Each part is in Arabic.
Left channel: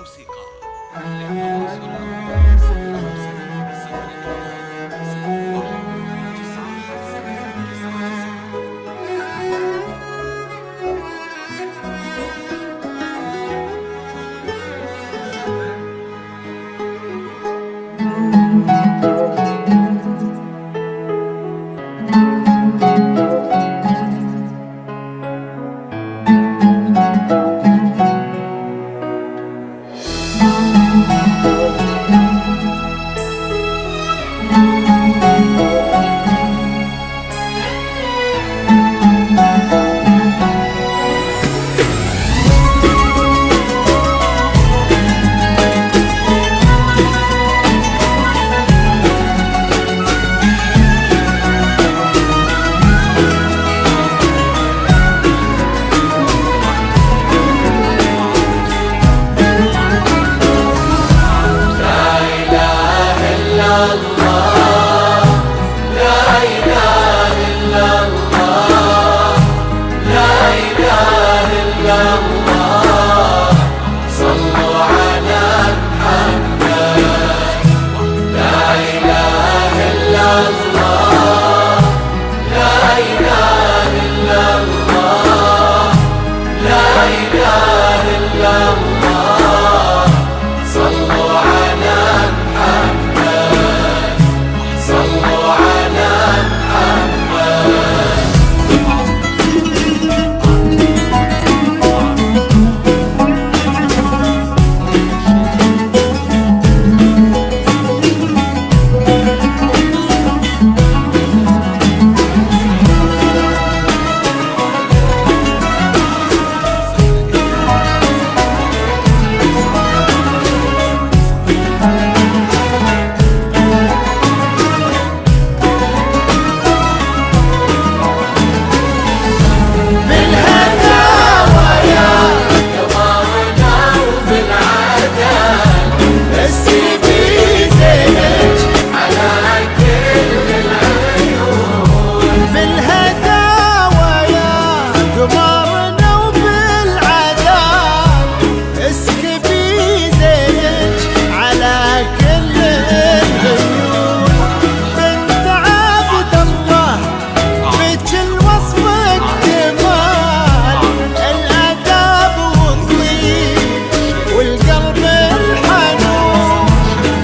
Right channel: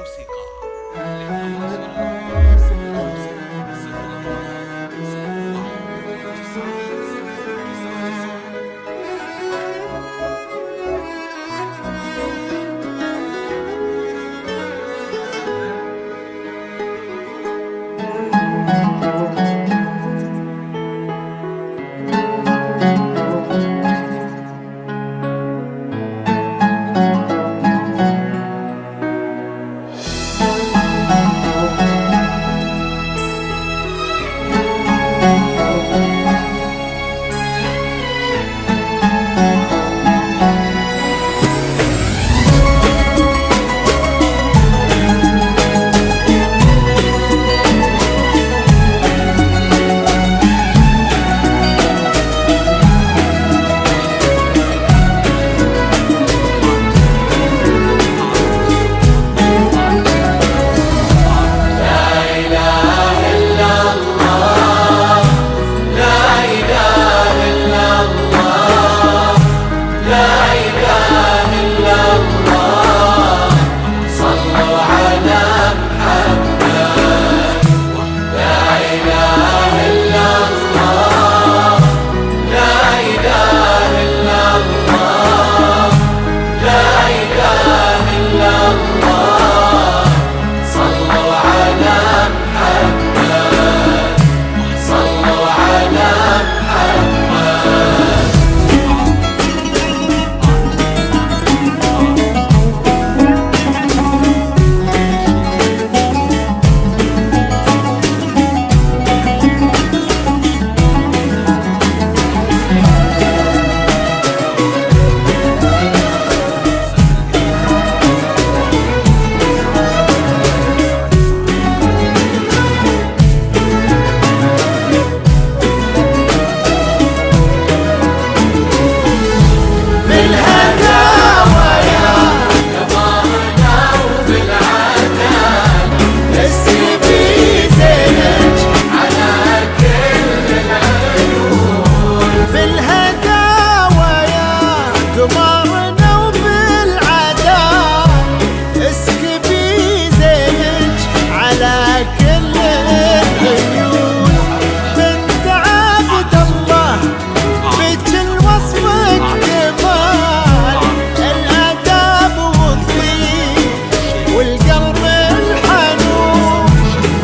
موسيقى للتواصل 0501 قمرنا وبالعداد اسكبي زينك على كل العيون. بنت عبد الله بك الوصف اكتمال الاداب والطيب والقلب الحنون.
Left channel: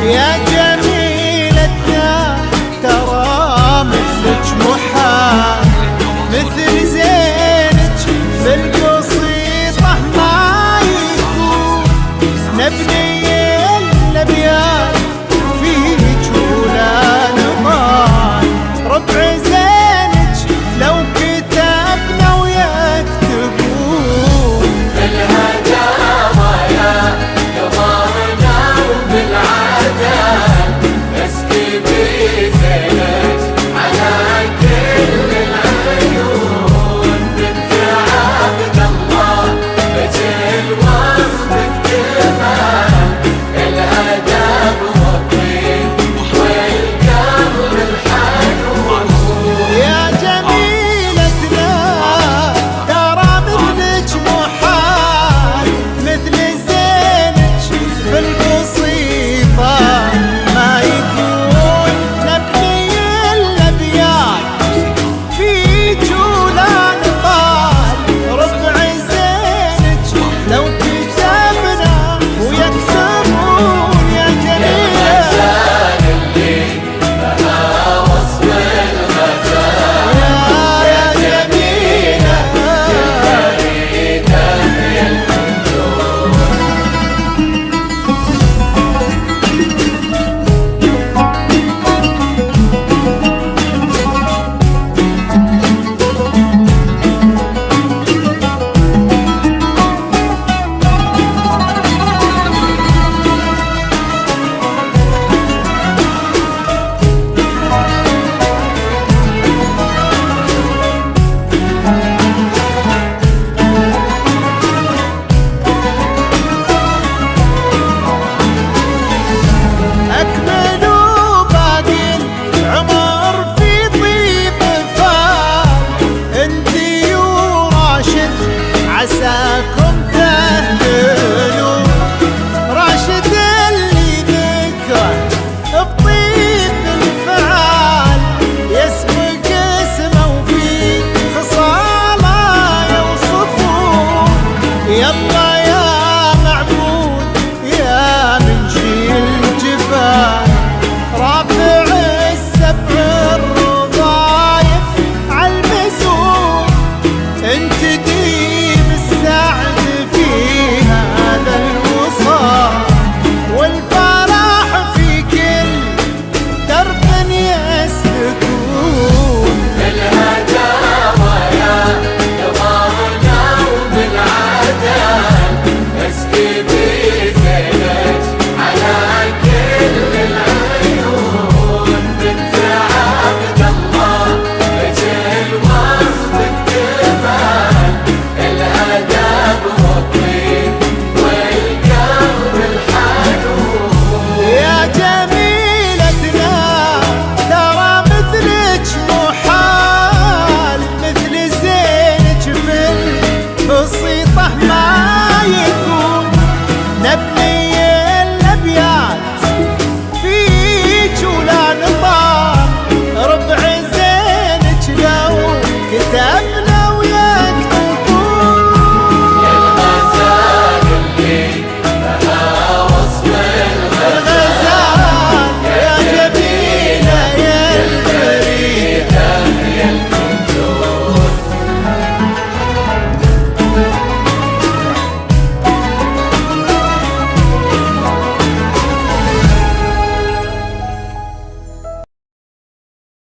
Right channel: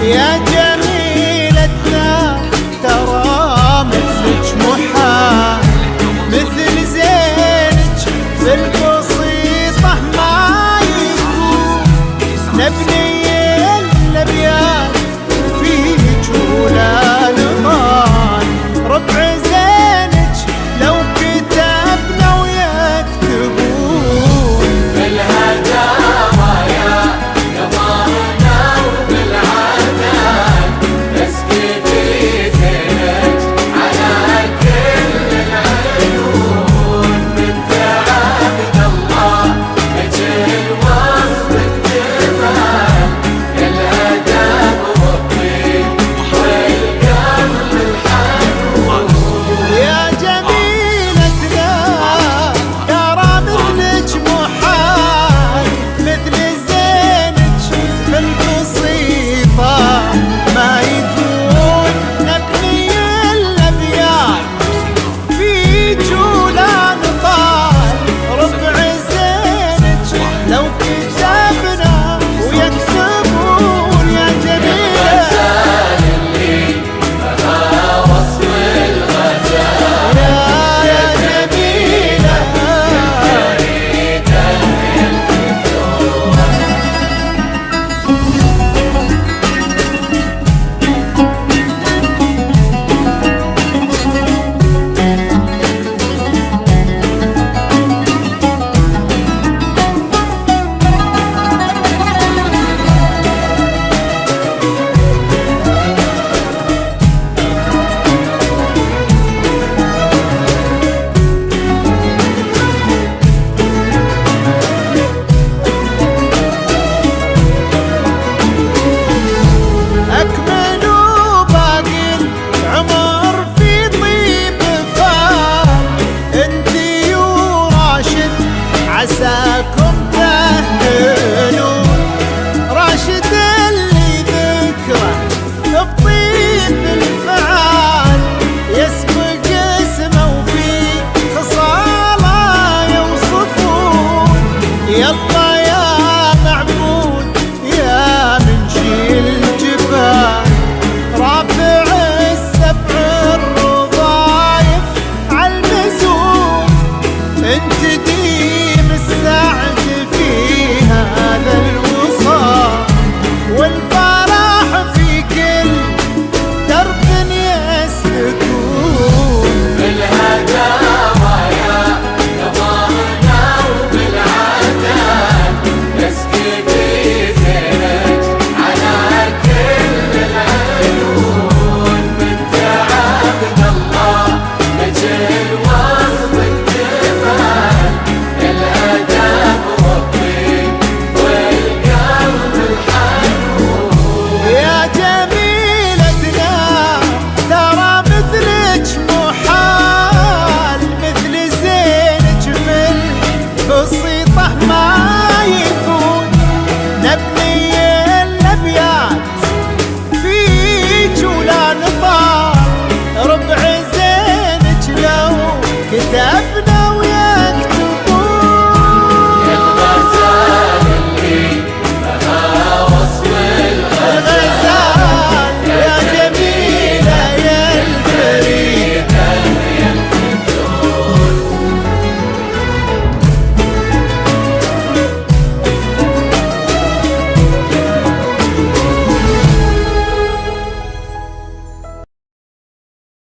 يا جميلتنا ترى مثلك محال مثل زينك بالبسيطة ما يكون. نبني الأبيات فيك ولا نضال ربع زينك لو كتبنا ويكتبون. يا جميلتنا ترى مثلك محال مثل زينك بالبسيطة ما يكون. نبني الأبيات فيك ولا نطال ربع زينك لو كتبنا ويكتبون. يا جميلة أكملوا باقي العمر في طيب فال. انتي وراشد عساكم تهتنون يلا يا معبود يا منشي الجبال، رافع السبع الرضايف عالمزون، انت ديم السعد في هذا الوصال، والفرح في كل درب يسلكون. بالهداوى يا قمرنا وبالعدال، نسقي بزينك على كل العيون، بنت عبد الله اجل وصف الجمال، الادب والطيب والقلب الحنون. يا جميلتنا ترى مثلك محال، مثل زينك في البسيطة ما يكون، نبني الأبيات فيك ولا نطال، ربع زينك لو كتبنا